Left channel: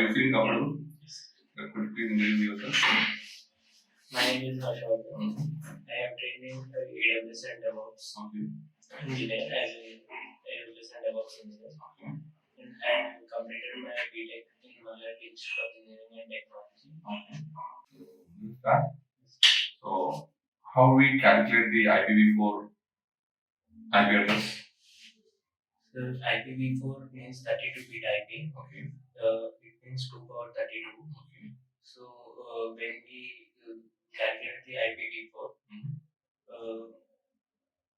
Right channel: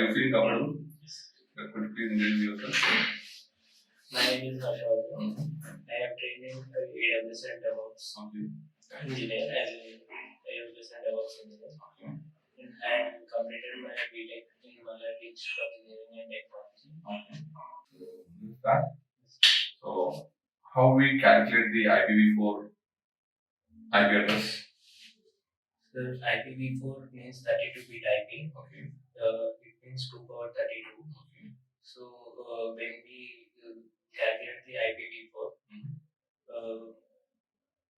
Are you feeling comfortable? Yes. Could you please introduce yourself? My name is Harshvardhan. I am trained in AWS and DevOps engineer as a AWS and DevOps engineer. And I have completed my BTech in Malayali Institute of Engineering and Technology. So, how we calculate the IPv4 IP address? The IPv4 means 32-bit IP. Okay. It means 2 power 32. Okay. So when we calculate the IPv4,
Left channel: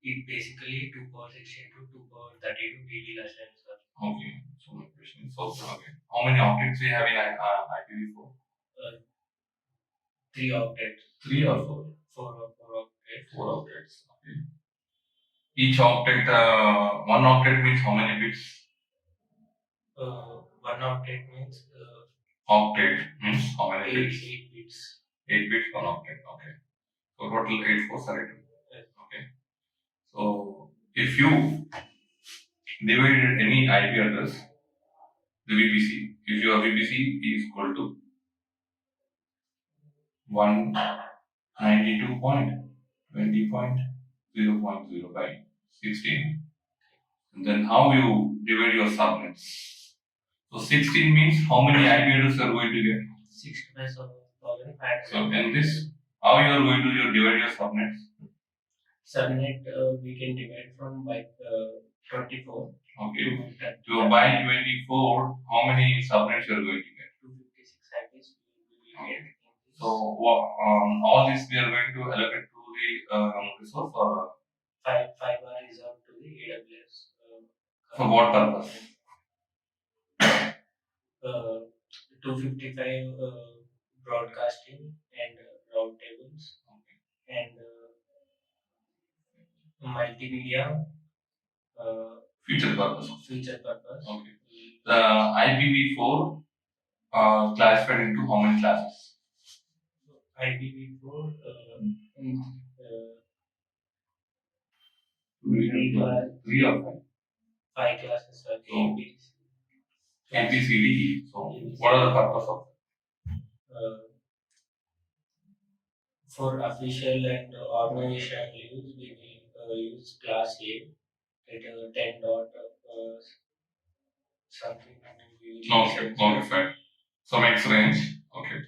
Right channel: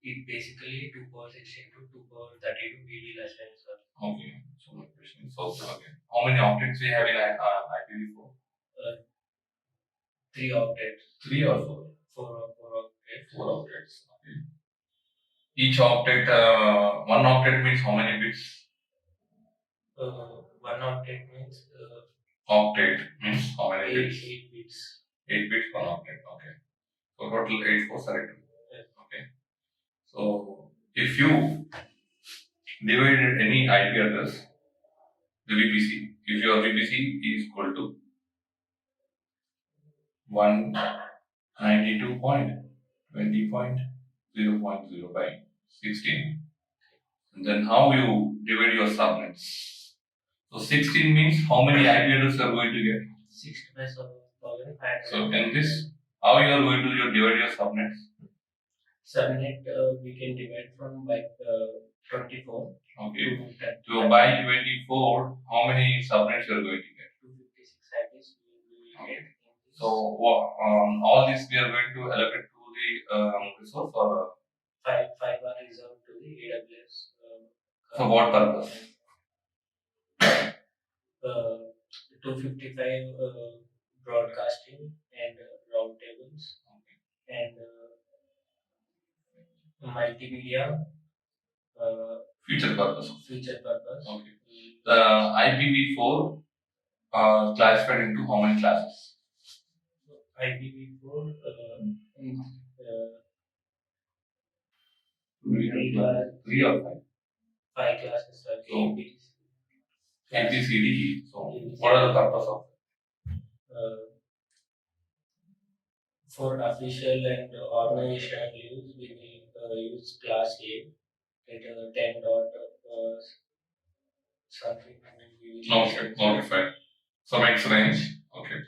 it basically 2 power 16 to 2 power 32 we will assign, sir. Okay. So my question is also again, how many objects we have in IPv4? 3 objects. 3 or 4? 4 objects. 4 objects. Okay. Each object, one object means how many bits? One object means Octet means how many bits? 8 bits. 8 bits per object. Okay. So total 8 4 selected. Yes. Okay. So if you divide any IP address, the VPC, if your VPC is equal to 192.20.0.0 by 16, then how you divide your subnets? So 16 means how many IP addresses you are going to get? 65,500. So in this, how you are going to divide your subnets? Subnet we can divide from by 24. Okay. To by 24, how many subnets you are going to get? 256 IPs we will get. So all this we are going to allocate to the resource or 5 are reserved to the AWS. for what purpose? 255 broadcasting and route tables and multimedia Future purpose. Okay. The IPv4 classified into how many classes? IPv4 three or five? 5 classes are So, A, B, C, D, E. So, what are the purpose of? For official and organizational use, we will use class A at 10 dot something. Okay, fine. So makes range. Okay.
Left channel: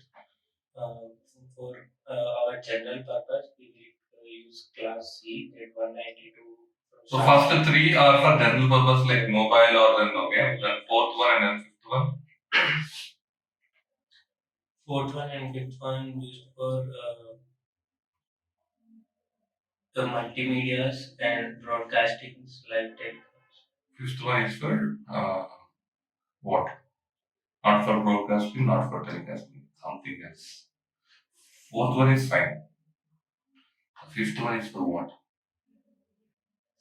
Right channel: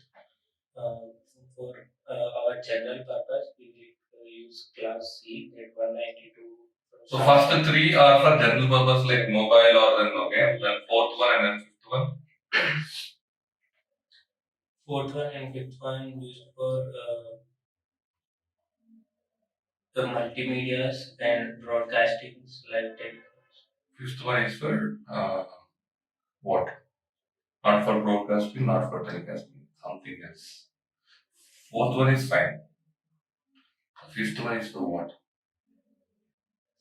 For our general purpose, we will use class C at 192. So first 3 are for general purpose like mobile or then okay, then fourth one and then fifth one. Fourth one and fifth one used for the multimedias and broadcastings like that. Fifth one is for what? Not for broadcasting, not for telecasting, something else. Fourth one is fine. Fifth one is for what?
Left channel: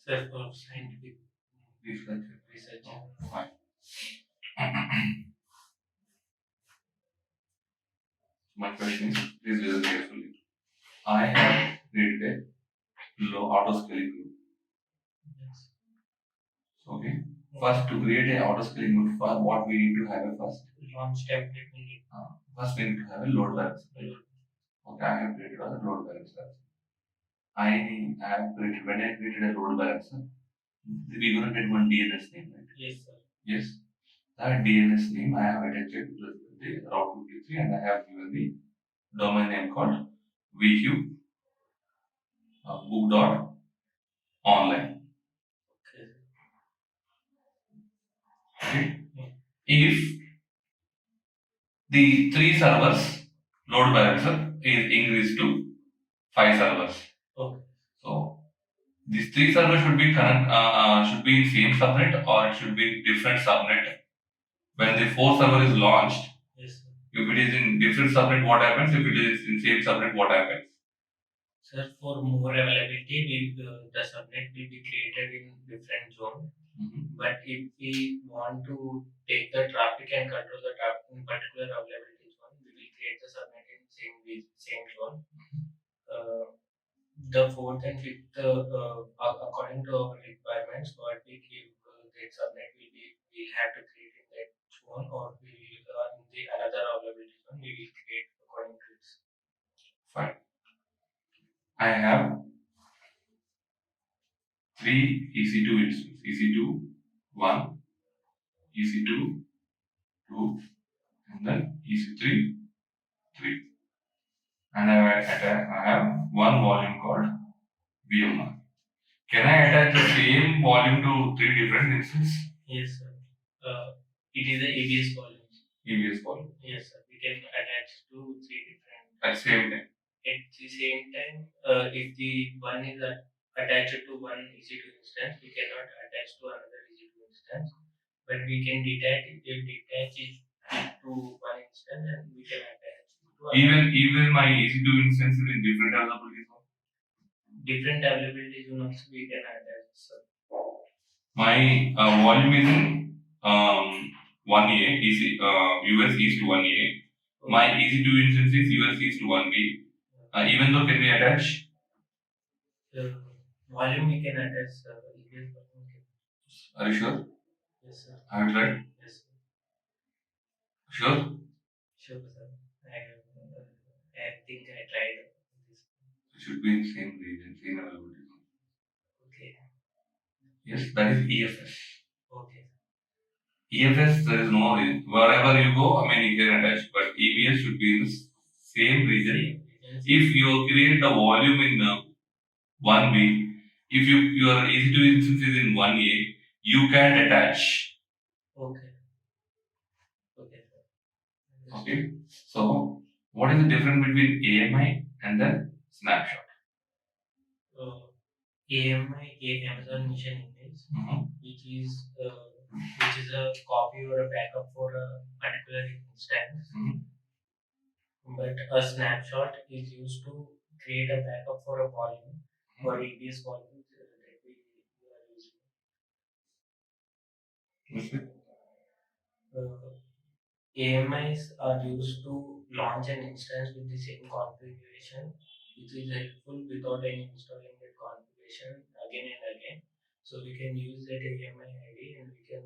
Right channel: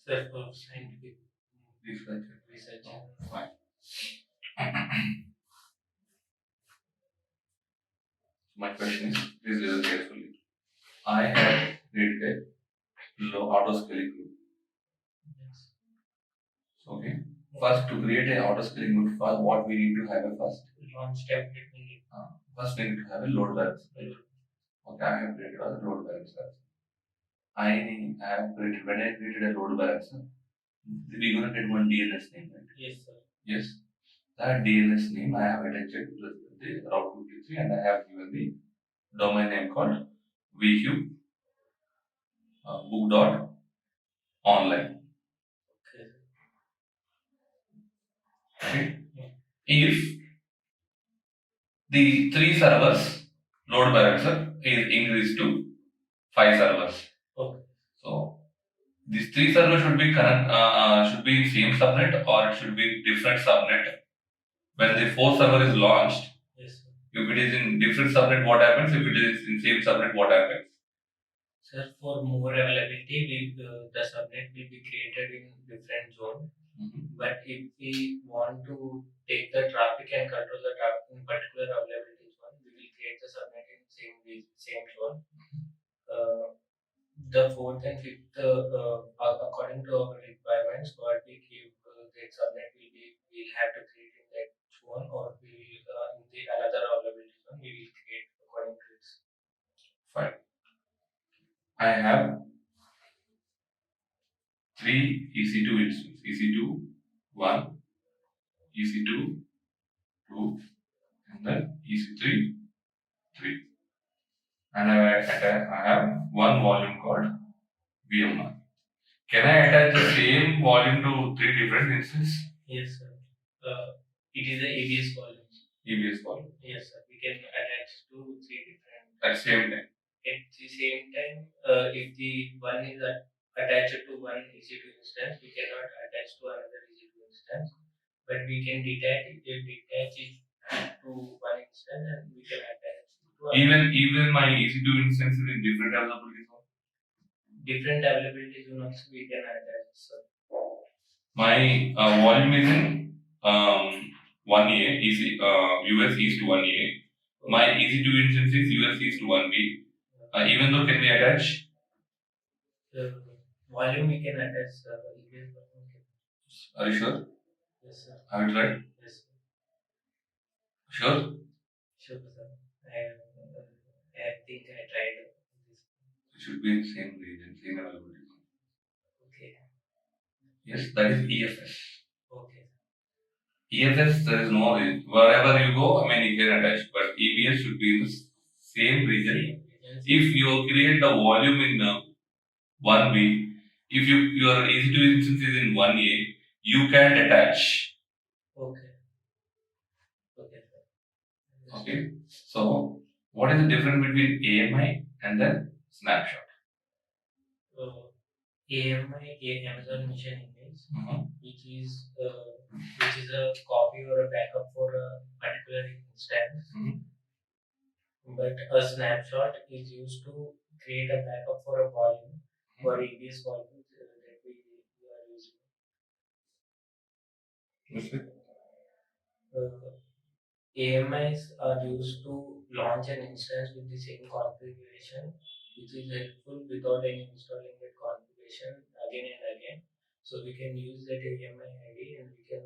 Sir, for scientific research. Fine. My question is, please listen carefully. I have created a low auto scaling group. Yes. Okay. First, to create an auto scaling group, what we need to have a first? Launch template we need. First, we need to have a load balancer. Okay, I have created a load balancer. When I created a load balancer, we're gonna get one DNS name, right? Yes, sir. Yes. That DNS name I have attached to the Route 53 and I have given the domain name called Vcube book.online. Okay. If the 3 servers load balancer is increased to 5 servers. Okay. So these 3 servers should be should be in same subnet or it should be different subnet. When the 4th server is launched, yes, sir. If it is in different subnet, what happens? If it is in same subnet, what happens? Sir, for more availability, the subnet will be created in different zone. But if we want to take the traffic and control the traffic in particular availability zone, we will create the subnet in same zone. The 4th and 5th, according to our requirements, what we give that subnet we'll have to create in that zone or in the EC2 instance, EC2 1, EC2 2, and then EC3 3. And I have one volume called VM. Can I attach the same volume to three different instances? Yes, sir. It is a ABS volume. ABS volume. Yes, sir. We can attach to three different. At same time. At the same time, if the one is attached to one EC2 instance, we cannot attach to another EC2 instance, but we can detach it to one instance and we can attach to even my EC2 instance is in different availability zone. Different availability zones we can attach. So my volume is in 1A, US East 1A. My EC2 instance is US East 1B. Even though, can we attach? Volume we can attach. Are you sure? Yes, sir. Have you tried? Yes, sir. Sure? Sure, sir. I think I tried this. It should be in the same region, same availability. Okay. Yes, that is EFS. Okay. EFS, there is no region. Wherever you go, I mean, you can attach, but EBS should be in the same region. If you create the volume in 1B, if your EC2 instance is in 1A, you can attach. Okay. Okay, sir. Okay. So, what is the difference between AMI and then snapshot? AMI, Amazon Mission Image, which is a copy or a backup for a particular instance. But a snapshot is used to create a backup for a volume, for ABS volume that we are using. AMIs are used to launch an instance with the same configuration, which is helpful without any installing that configuration again and again. So we can use that AMI ID and we can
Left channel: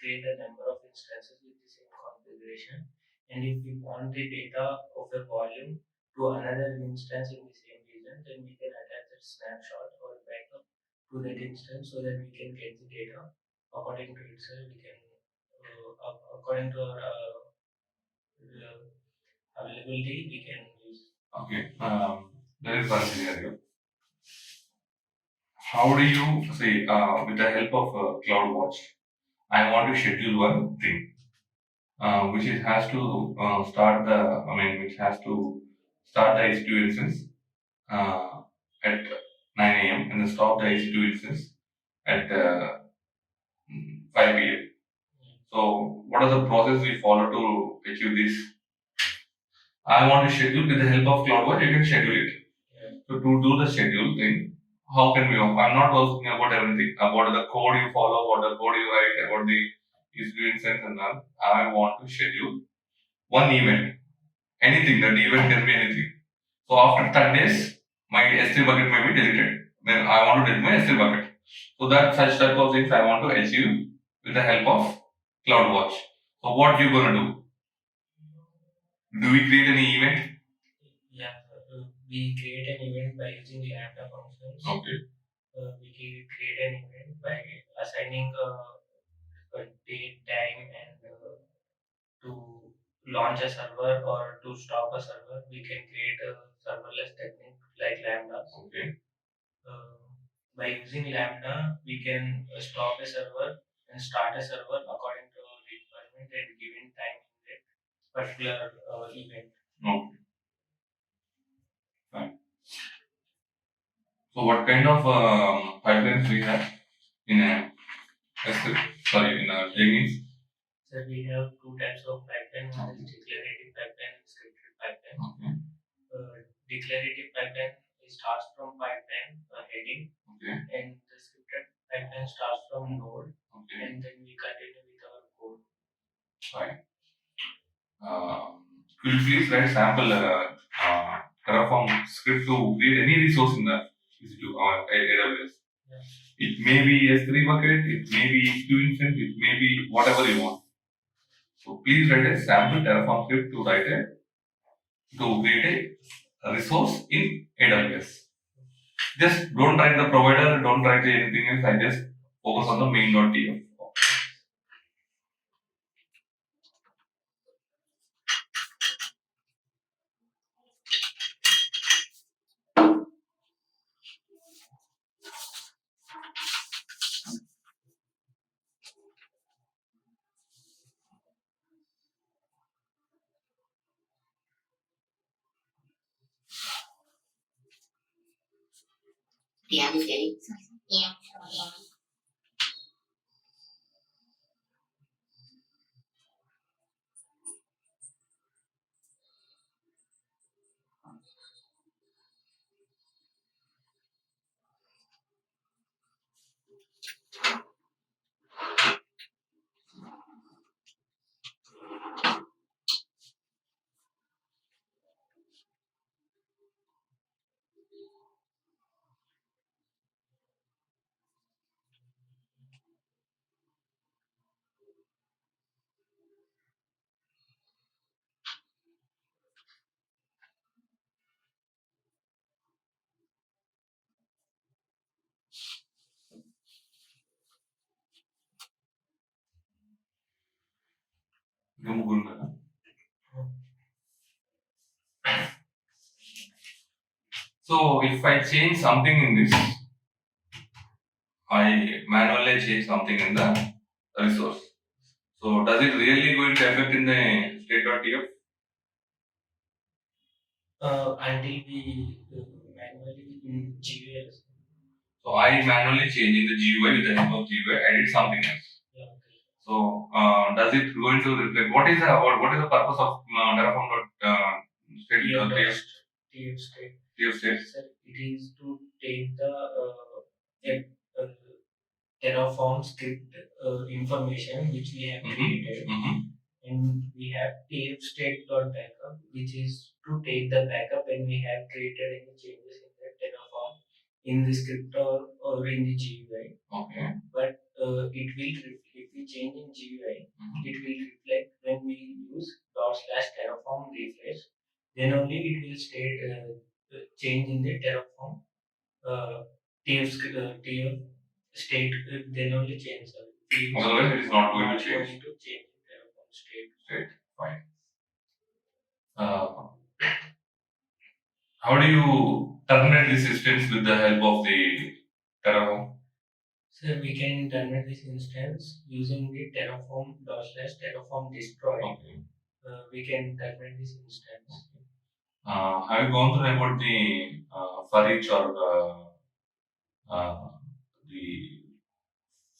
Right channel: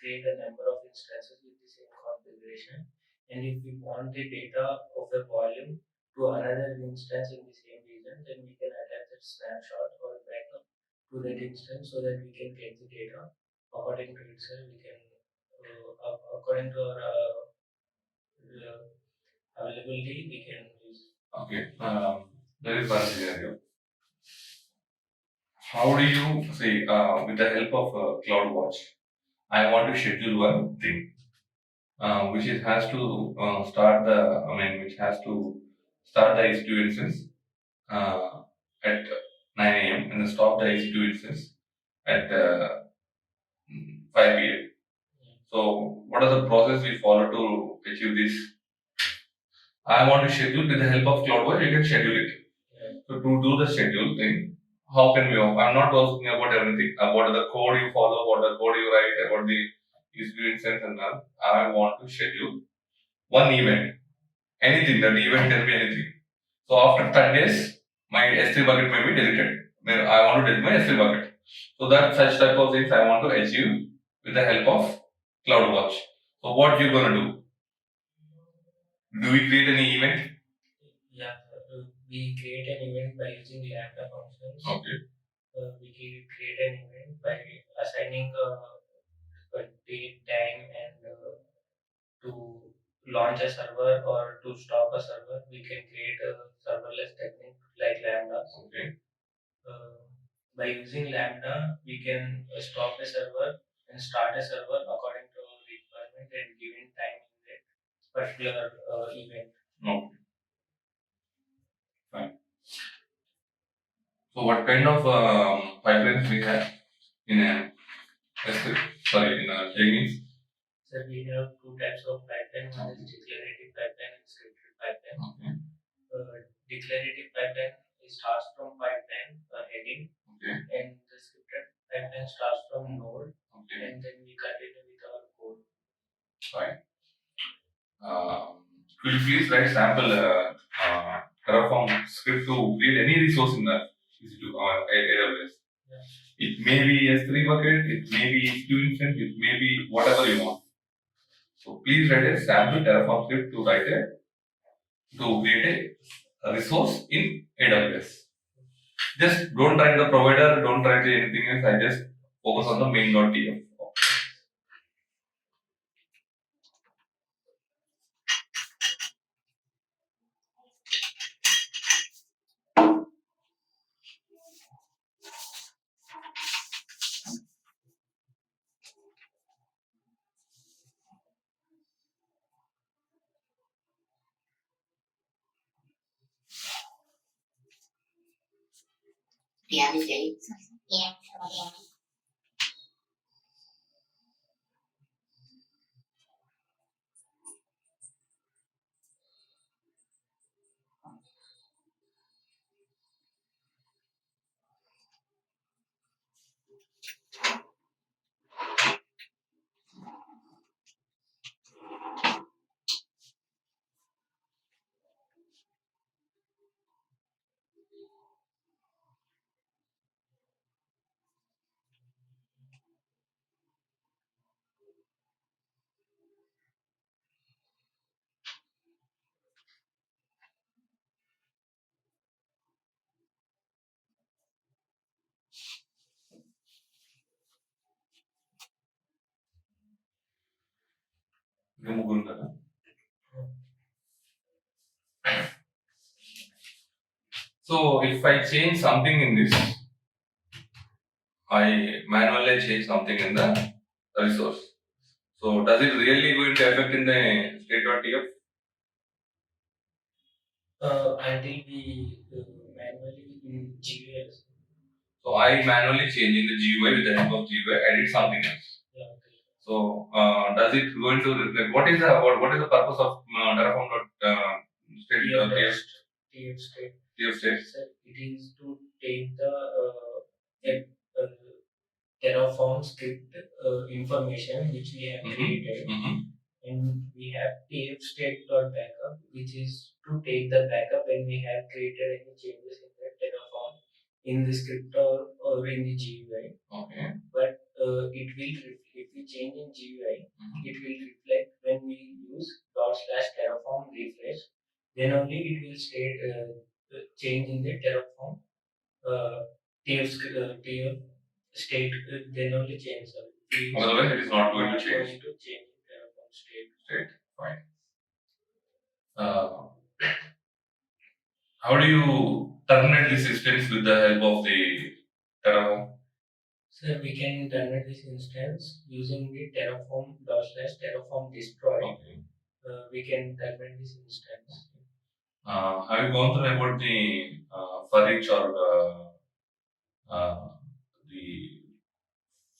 create a number of instances with the same configuration. And if we want the data of a volume to another instance in the same region, then we can attach that snapshot or backup to that instance so that we can get the data according to itself. We can according to our availability, we can use. Okay. There is one scenario. How do you say with the help of CloudWatch? I want to schedule one thing, which it has to which has to start the EC2 instance at 9 a.m. and then stop the EC2 instance at 5 p.m. So, what is the process we follow to achieve this? I want to schedule with the help of CloudWatch. You can schedule it. So, to do the schedule thing, how can we? I'm not asking about everything, about the code you follow, what the code you write, about the EC2 instance and all. I want to schedule one event. Anything, that event can be anything. So after 30 days, my S3 bucket might be deleted. Then I want to delete my S3 bucket. So that such type of things I want to achieve with the help of CloudWatch. So what you gonna do? Do we create any event? Yeah, we create an event by using Lambda functions. Okay. We can create an event by assigning a date, time, and to launch a server or to stop a server. We can create a serverless technique like Lambda. Okay. By using Lambda, we can stop a server and start a server according to requirement and given time in that particular event. Okay. Fine. So what kind of pipelines we have in a in a Jenkins? So we have two types of pipeline. One is declarative pipeline and scripted pipeline. Okay. Declarative pipeline starts from pipeline heading, and the scripted pipeline starts from node, and then we continue with our code. Fine. Could you please write sample Terraform script to create any resource in the EC2 or AWS? Yeah. It may be S3 bucket, it may be EC2 instance, it may be whatever you want. So please write a sample Terraform script to create a resource in AWS. Just don't write the provider, don't write anything else. I just focus on the main.tf. Yeah, yeah. ముగ్గురు కదా. So if I change something in this, I manually change something in the resource. So does it really going to affect in the state.tf? Until we manually in GUI. So I manually change in the GUI with the help of GUI, edit something else. Yeah, okay. So does it going to reflect? What is the purpose of Terraform state TF state. TF state? So it is to take the uh, Terraform script information which we have created, and we have TF state.backup, which is to take the backup when we have created any changes in the Terraform in the script or in the GUI. Okay. But it will if we change in GUI, it will reflect when we use /terraform refresh. Then only it will state change in the Terraform TF state. Then only change. Otherwise, it is not going to change. Going to change Terraform state. State. Fine. How do you terminate this instance with the help of the Terraform? So we can terminate this instance using the Terraform destroy. Okay. We can terminate this instance. Have you gone through about the for each or the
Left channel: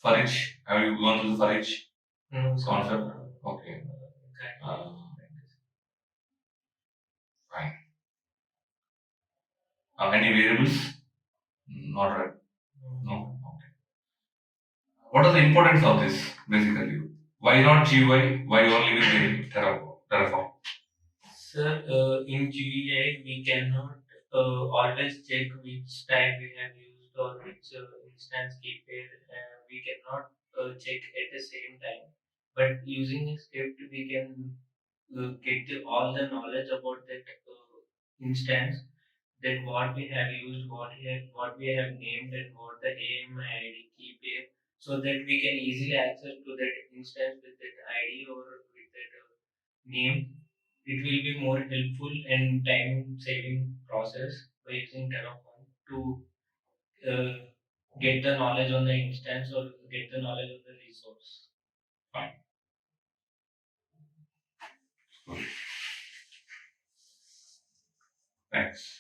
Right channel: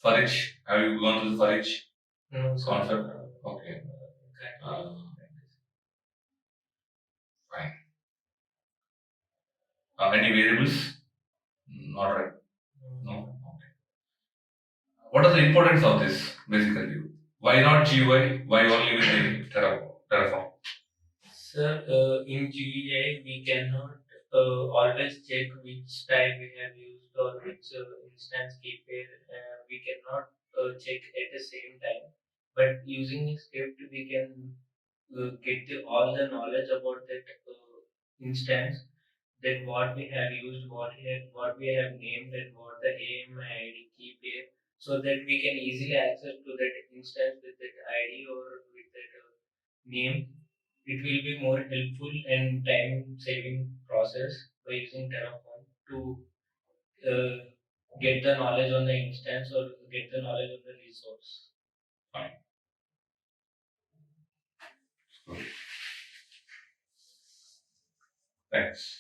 for each? Have you gone through the for each concept? Okay. Fine. Any variables? Not right. No. Okay. What is the importance of this basically? Why not GUI? Why only with the Terraform? Sir, in GUI we cannot always check which type we have used or which instance keyword. We cannot check at the same time. But using a script, we can get all the knowledge about that instance, that what we have used, what we have named, and what the AMI ID key pair, so that we can easily access to that instance with that ID or with that name. It will be more helpful and time saving process by using Terraform to uh, get the knowledge on the instance or get the knowledge of the resource. Fine. Thanks.